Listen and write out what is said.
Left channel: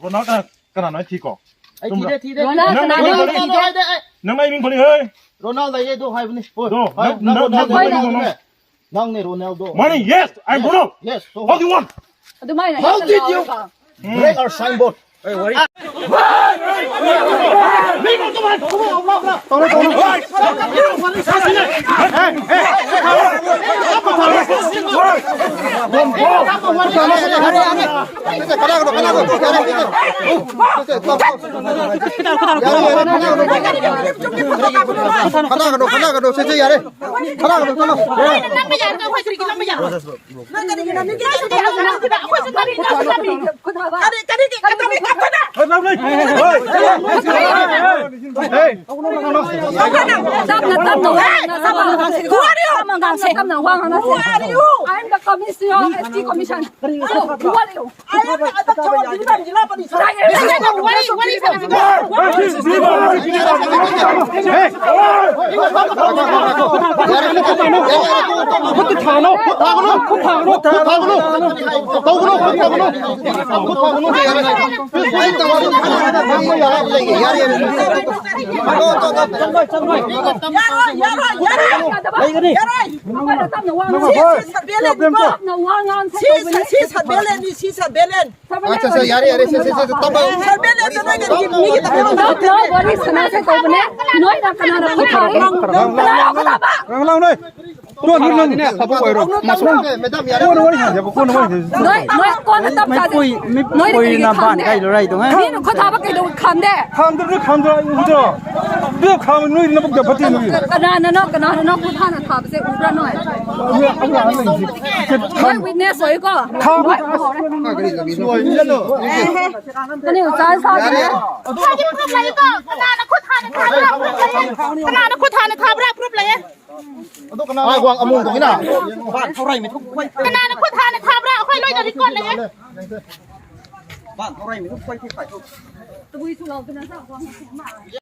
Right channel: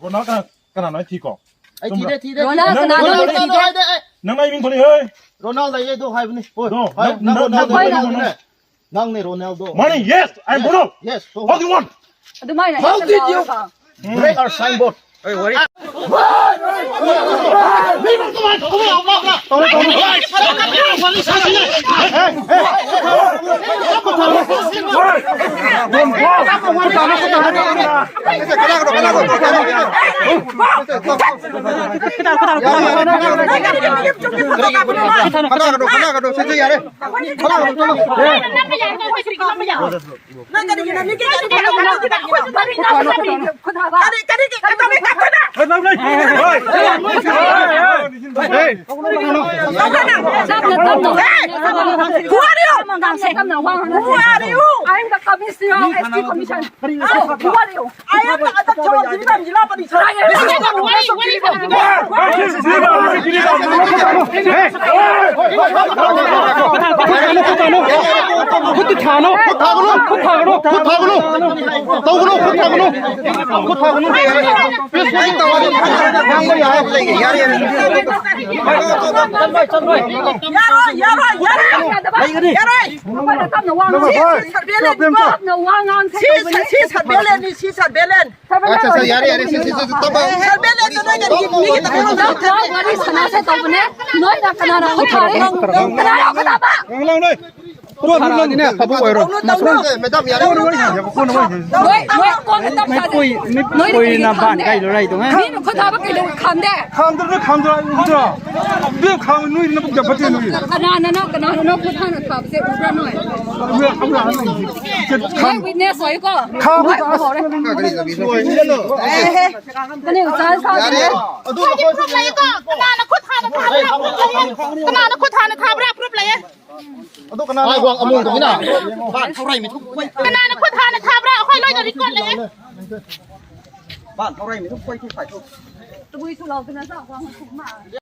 โรนัลกันขนาดไหนทีก่อนไอ้ทีเด็ดทีเด็ดนังไอ้มิงคนนี้เฮ้ยโรนัลโดยังดูให้บุญนี่โอ้นั่งในโรนัลโด Money yes I'm Bruno yes what do you want how did you break our signboard เฮ้ยวันนี้นี่มันตัวมันเอาล็อกละตัวมันวันนี้ใช่ไหมI'm the commissioner, ST commission. Who are you? I am the chairman of the Jila Police.ไม่คุยนะบ้านใกล้อะไรตรงไหนเรื่องข่าวนู่นนะพวกจะพัฒนากนานะน้องคุณท่านถามเสียอุปหน่อยเอาหลานหนึ่งไม่วินเนสสวยก็ข่าวไม่พอเลยก็นี่จ้าซากันเลยเขาจะพูดอะไรก็ขนาดคุณทานทาบรับรูปเลยขนาดคุณทานทาบรับรูปเลยไอ้วางอมุงตรงนี้น่ะบ้านเท่าไรไม่ทุกคนขนาดคุณทานทาบรับค่อยลอยจะริกอนเลยบ้านเท่าไรไม่ทุกคนที่ฝ่ายทุกตัววิสุเราเป็นนักสาวความสุขมาก